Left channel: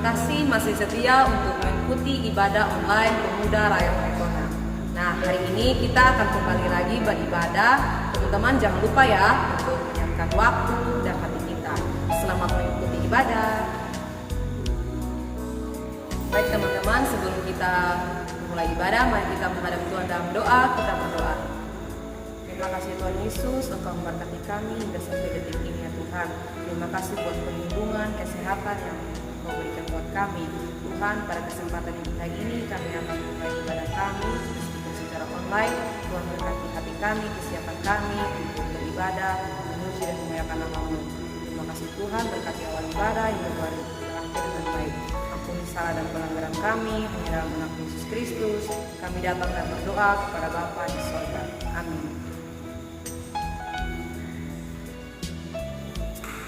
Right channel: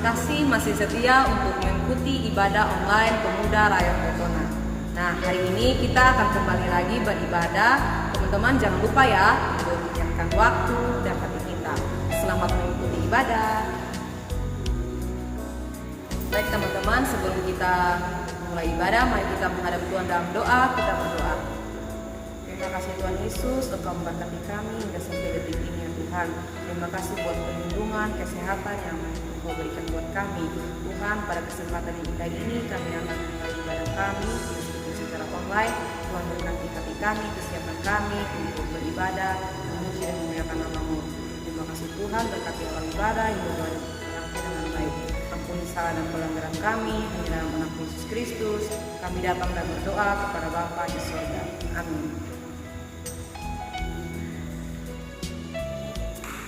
Terima kasih masih setia untuk mengikuti ibadah online Pemuda Rakyat Letona. Nah, hari ini kita akan kembali lagi beribadah. Teman-teman jangan lupa ya untuk menyiapkan waktu dan hati kita. Selamat mengikuti ibadah. Baik teman-teman, sebelum kita mulai ibadah, mari kita menghadap Tuhan dalam doa. Kita berdoa. Terima kasih Tuhan Yesus, Engkau memberkati kami hingga sampai detik ini ya Tuhan. Terima kasih buat perlindungan, kesehatan yang Engkau berikan buat kami. Tuhan, pada kesempatan yang indah ini kami akan mulai ibadah kami meskipun secara online. Tuhan berkati hati kami, kesiapan kami untuk beribadah, memuji dan memuliakan nama-Mu. Terima kasih Tuhan, berkati awal ibadah hingga berakhir dengan baik. Ampuni salah dan pelanggaran kami, hanya dalam anak Yesus Kristus kami datang dan berdoa kepada Bapa di sorga. Amin.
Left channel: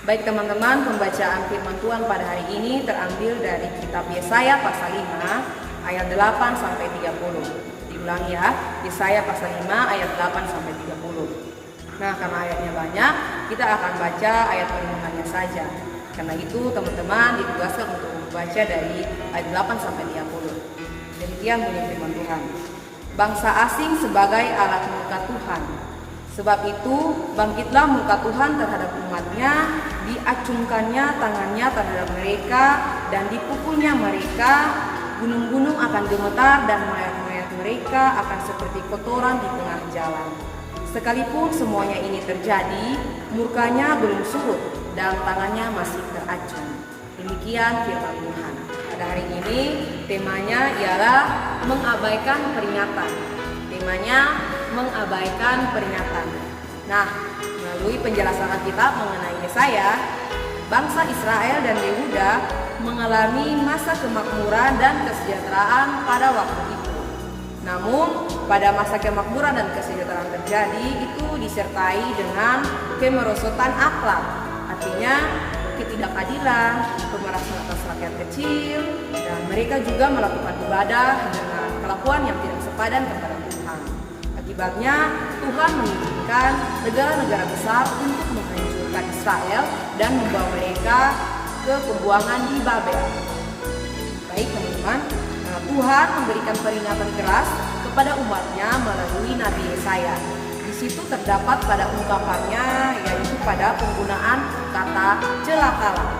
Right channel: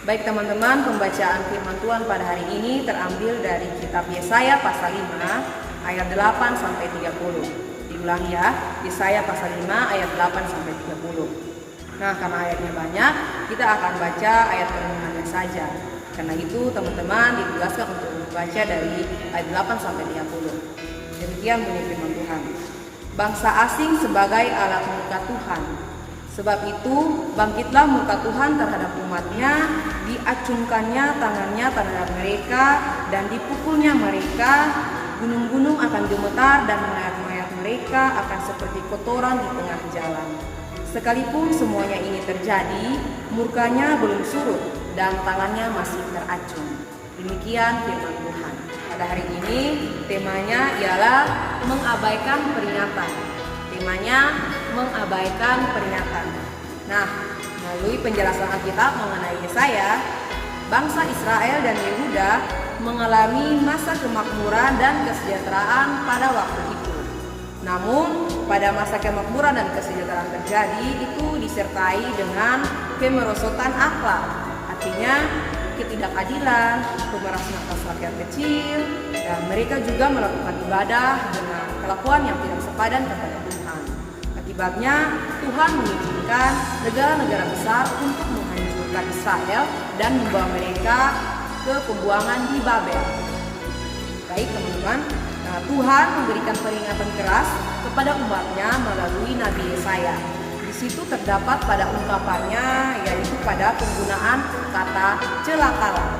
Baik teman-teman, pembacaan firman Tuhan pada hari ini terambil dari kitab Yesaya pasal 5 ayat 8 sampai 30. Diulang ya, Yesaya pasal 5 ayat 8 sampai 30. Nah, karena ayatnya banyak, kita akan baca ayat perenungannya saja. Karena itu teman-teman ditugaskan untuk membaca dari ayat 8 sampai 30. Demikian bunyi firman Tuhan. Bangsa asing sebagai alat murka Tuhan. Sebab itu bangkitlah murka Tuhan terhadap umatnya, diacungkannya tangannya terhadap mereka, dan dipukulnya mereka. Gunung-gunung akan gemetar dan mayat-mayat mereka akan seperti kotoran di tengah jalan. Sekalipun semuanya ini terjadi, murkanya belum surut dan tangannya masih teracung. Demikian firman Tuhan. Pada hari ini temanya ialah mengabaikan peringatan. Temanya mengabaikan peringatan. Nah, melalui penjelasan Alkitab mengenai Yesaya, bangsa Israel dan Yehuda mengalami masa kemakmuran dan kesejahteraan pada waktu itu. Namun, pada masa kemakmuran dan kesejahteraan terjadi itu disertai dengan kemerosotan akhlak. Artinya ketidakadilan, pemerasan atas rakyat kecil, dan mereka juga melakukan ibadah dengan kelakuan yang tidak sepadan kepada Tuhan. Akibatnya Tuhan mengizinkan negara-negara besar untuk menghancurkan Israel dan membawa mereka ke pembuangan di Babel. Baik teman-teman, Tuhan memberikan peringatan keras kepada umatnya melalui Nabi Yesaya. Di situ terdapat pada ungkapannya, yaitu pada penggunaan kata celakalah.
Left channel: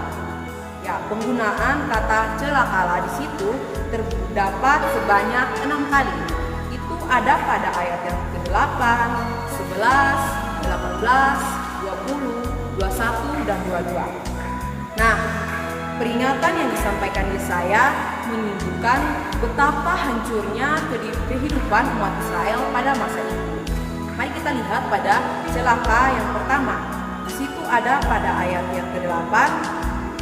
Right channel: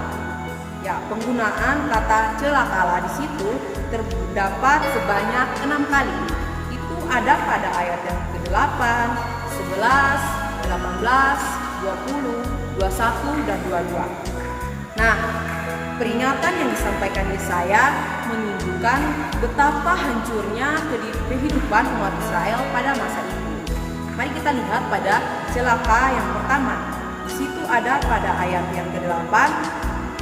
Ya, penggunaan kata celakalah di situ terdapat sebanyak 6 kali. Itu ada pada ayat yang ke-8, 11, 18, 20, 21, dan 22. Nah, peringatan yang disampaikan Yesaya menunjukkan betapa hancurnya kehidupan umat Israel pada masa itu. Mari kita lihat pada celaka yang pertama. Di situ ada pada ayat yang ke-8,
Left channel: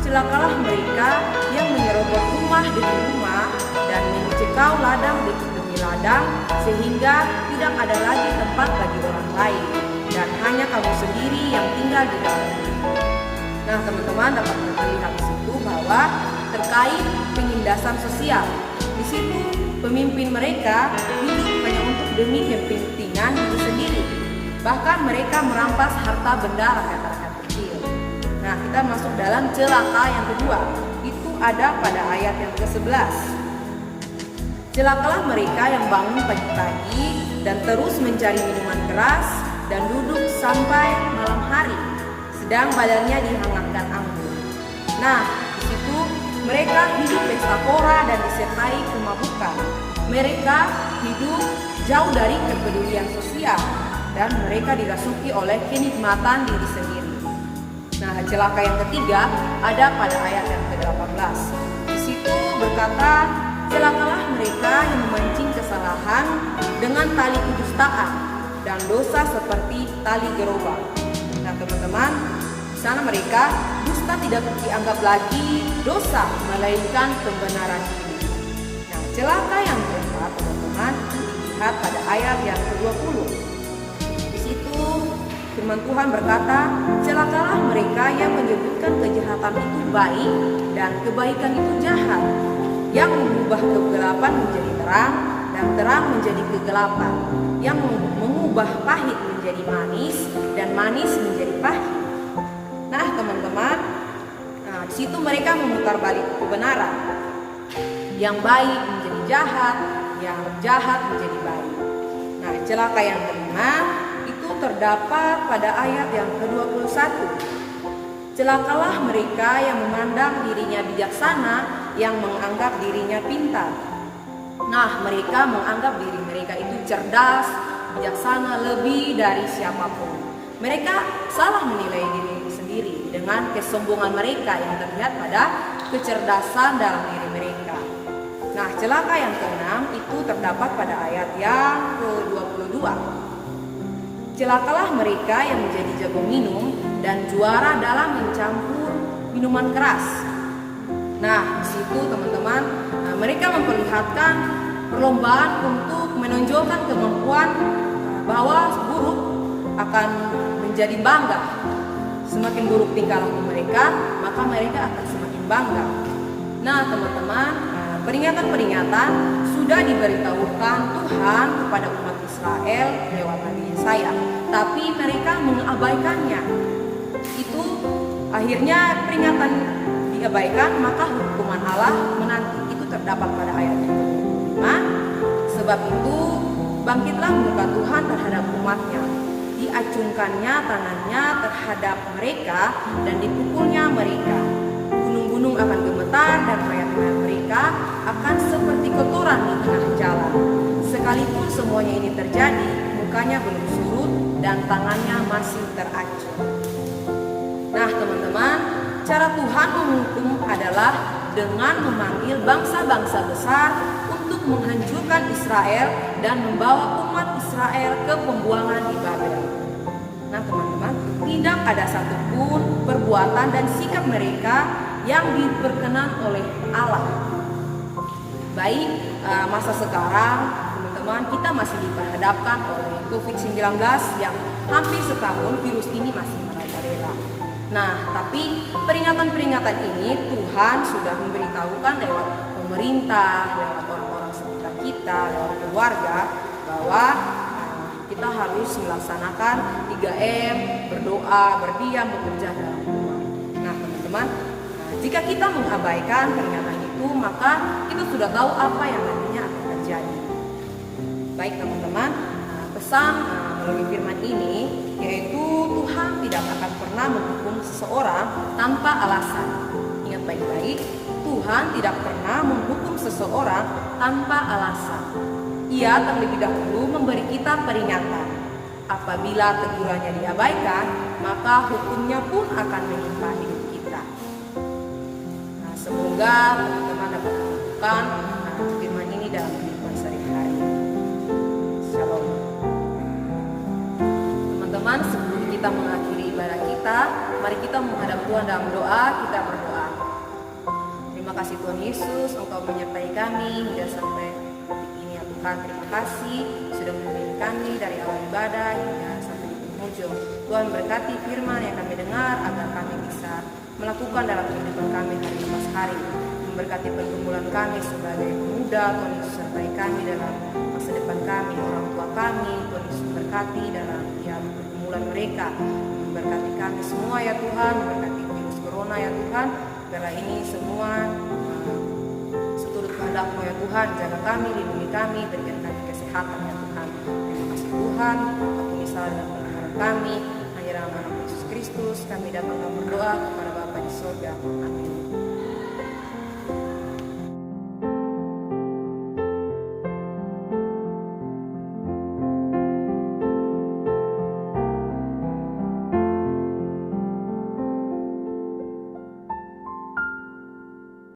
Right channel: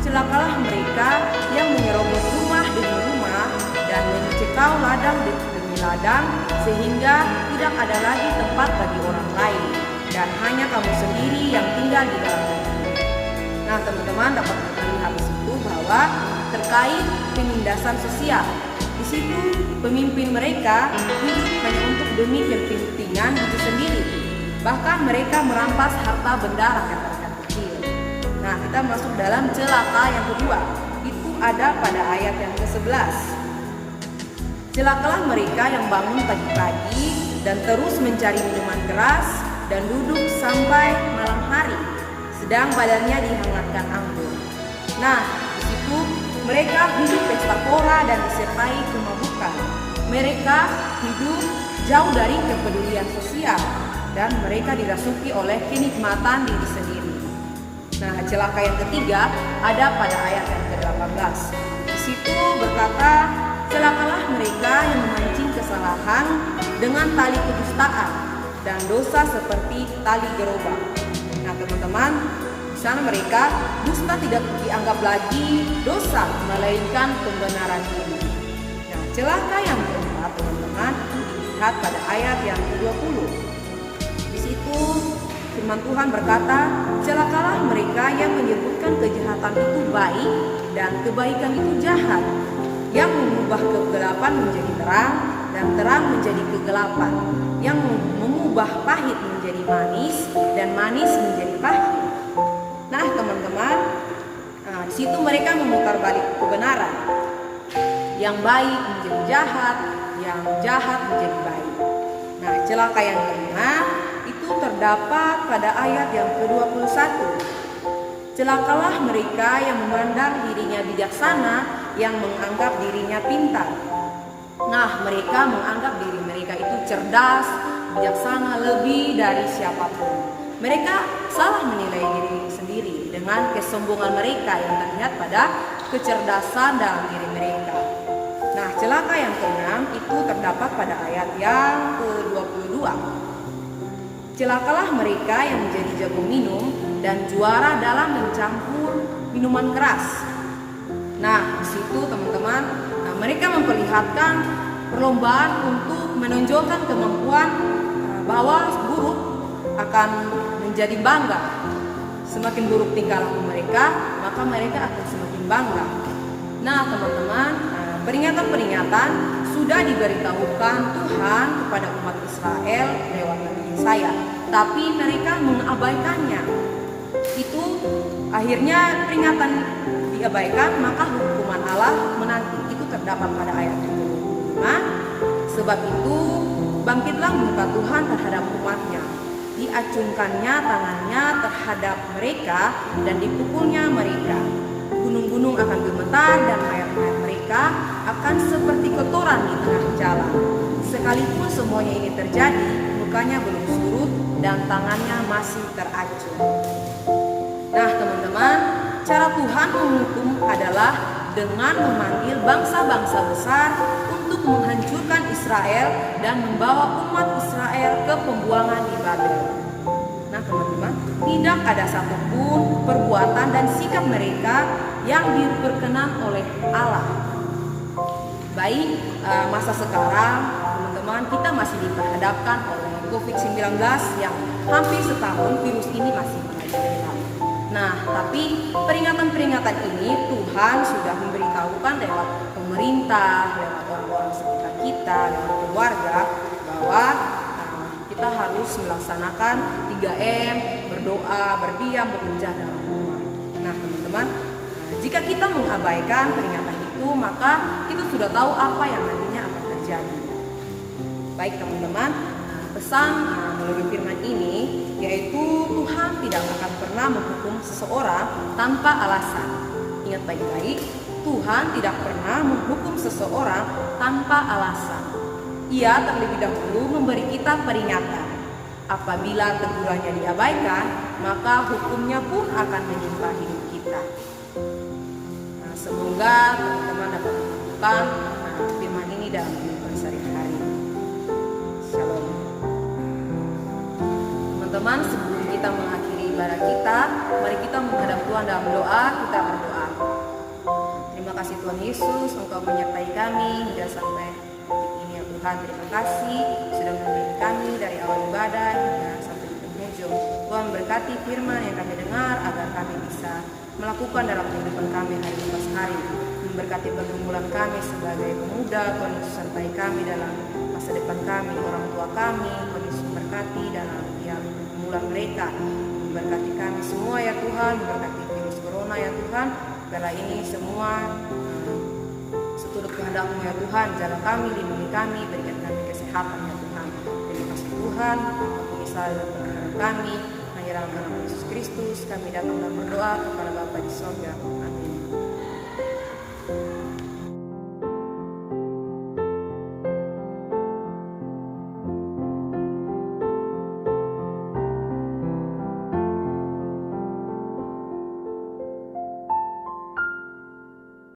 celakalah mereka yang menyerobot rumah demi rumah dan mencekau ladang demi ladang, sehingga tidak ada lagi tempat bagi orang lain dan hanya kamu sendiri yang tinggal di dalam negeri. Nah, teman-teman dapat melihat di situ bahwa terkait penindasan sosial. Di situ pemimpin mereka hidup hanya untuk demi kepentingan diri sendiri. Bahkan mereka merampas harta benda rakyat-rakyat kecil. Nah, kita masuk dalam celaka yang kedua. Itu ada pada ayat yang ke-11. Celakalah mereka yang bangun pagi-pagi dan terus mencari minuman keras dan duduk sampai malam hari, sedang badannya dihangatkan anggur. Nah, di situ mereka hidup pesta pora dan disertai kemabukan. Mereka hidup jauh dari kepedulian sosial dan mereka dirasuki oleh kenikmatan diri sendiri. Nah, celaka yang ketiga ada pada ayat yang ke-18. Di situ berkata, celakalah mereka yang memancing kesalahan dengan tali kedustaan dan dosa seperti tali gerobak. Nah, teman-teman, di sana mereka dusta tidak dianggap lagi dosa, melainkan pembenaran diri. Nah, celaka yang keempat, teman-teman, dilihat pada ayat yang ke-20. Di situ firman Tuhan berkata, celakalah mereka yang menyebutkan kejahatan itu baik dan kebaikan itu jahat, yang mengubah kegelapan menjadi terang dan terang menjadi kegelapan, yang mengubah pahit menjadi manis dan manis menjadi pahit. Nah, teman-teman, Nah, di situ mereka memutar balik kebenaran. Yang baik menjadi jahat, yang jahat menjadi baik. Nah, celaka yang kelima itu terdapat pada ayat yang ke-21. Celakalah mereka yang memandang dirinya bijaksana, yang menganggap dirinya pintar. Nah, mereka menganggap diri mereka itu cerdas, bijaksana lebih dari siapapun. Mereka salah menilai diri sendiri dengan kesombongan mereka yang terlihat pada kecerdasan dalam diri mereka. Nah, celaka yang keenam itu terdapat pada ayat yang ke-22. Celakalah mereka yang menjadi jago minum dan juara dalam mencampur minuman keras. Nah, di situ teman-teman, mereka memperlihatkan perlombaan untuk menonjolkan kemampuan bahwa buruk akan menjadi bangga. Semakin buruk tingkah laku mereka, maka mereka akan semakin bangga. Nah, teman-teman, peringatan-peringatan sudah diberitahukan Tuhan kepada umat Israel lewat Nabi Yesaya, tapi mereka mengabaikannya. Itu akhirnya peringatan diabaikan, maka hukuman Allah menanti. Itu terdapat pada ayat yang ke-25. Sebab itu bangkitlah murka Tuhan terhadap umatnya, diacungkannya tangannya terhadap mereka dan dipukulnya mereka. Gunung-gunung akan gemetar dan mayat-mayat mereka akan seperti kotoran di tengah jalan. Sekalipun semuanya ini terjadi, mukanya belum surut dan tangannya masih teracung. Nah, teman-teman, cara Tuhan menghukum adalah dengan memanggil bangsa-bangsa besar untuk menghancurkan Israel dan membawa umat Israel ke pembuangan di Babel. Nah, teman-teman, tidak ada satupun perbuatan dan sikap mereka yang diperkenan oleh Allah. Baik masa sekarang, teman-teman, kita masih diperhadapkan oleh COVID-19 yang hampir setahun virus ini masih merajalela. Nah, tapi peringatan-peringatan ini Tuhan sudah memberitahukan lewat pemerintah, lewat orang-orang sekitar kita, lewat keluarga, bahwa kita harus melaksanakan 3M, berdoa, berdiam, bekerja dalam rumah. Nah, teman-teman, jika kita mengabaikan peringatan itu, maka kita sudah tahu apa yang nantinya akan terjadi. Baik, teman-teman, pesan melalui firman ini yaitu Tuhan tidak akan pernah menghukum seseorang tanpa alasan. Ingat baik-baik, Tuhan tidak pernah menghukum seseorang tanpa alasan. Ia terlebih dahulu memberi kita peringatan. Apabila tegurannya diabaikan, maka hukumnya pun akan menimpa hidup kita. Nah, semoga teman-teman dapat melakukan firman ini dalam kehidupan sehari-hari. Shalom. Teman-teman, sebelum kita mengakhiri ibadah kita, mari kita menghadap Tuhan dalam doa. Kita berdoa. Terima kasih Tuhan Yesus, Engkau menyertai kami hingga sampai detik ini ya Tuhan. Terima kasih sudah membimbing kami dari awal ibadah hingga sampai di penghujung. Tuhan berkati firman yang kami dengar agar kami bisa melakukan dalam kehidupan kami hari lepas hari. Memberkati pergumulan kami sebagai pemuda, Tuhan Yesus sertai kami dalam masa depan kami, orang tua kami, Tuhan Yesus berkati dalam pergumulan mereka. Memberkati kami semua ya Tuhan, memberkati virus corona ya Tuhan. Biarlah ini semua seturut kehendak-Mu ya Tuhan. Jaga kami, lindungi kami, berikan kami kesehatan ya Tuhan. Terima kasih Tuhan, ampuni salah dan pelanggaran kami. Hanya dalam nama Yesus Kristus kami datang dan berdoa kepada Bapa di sorga. Amin.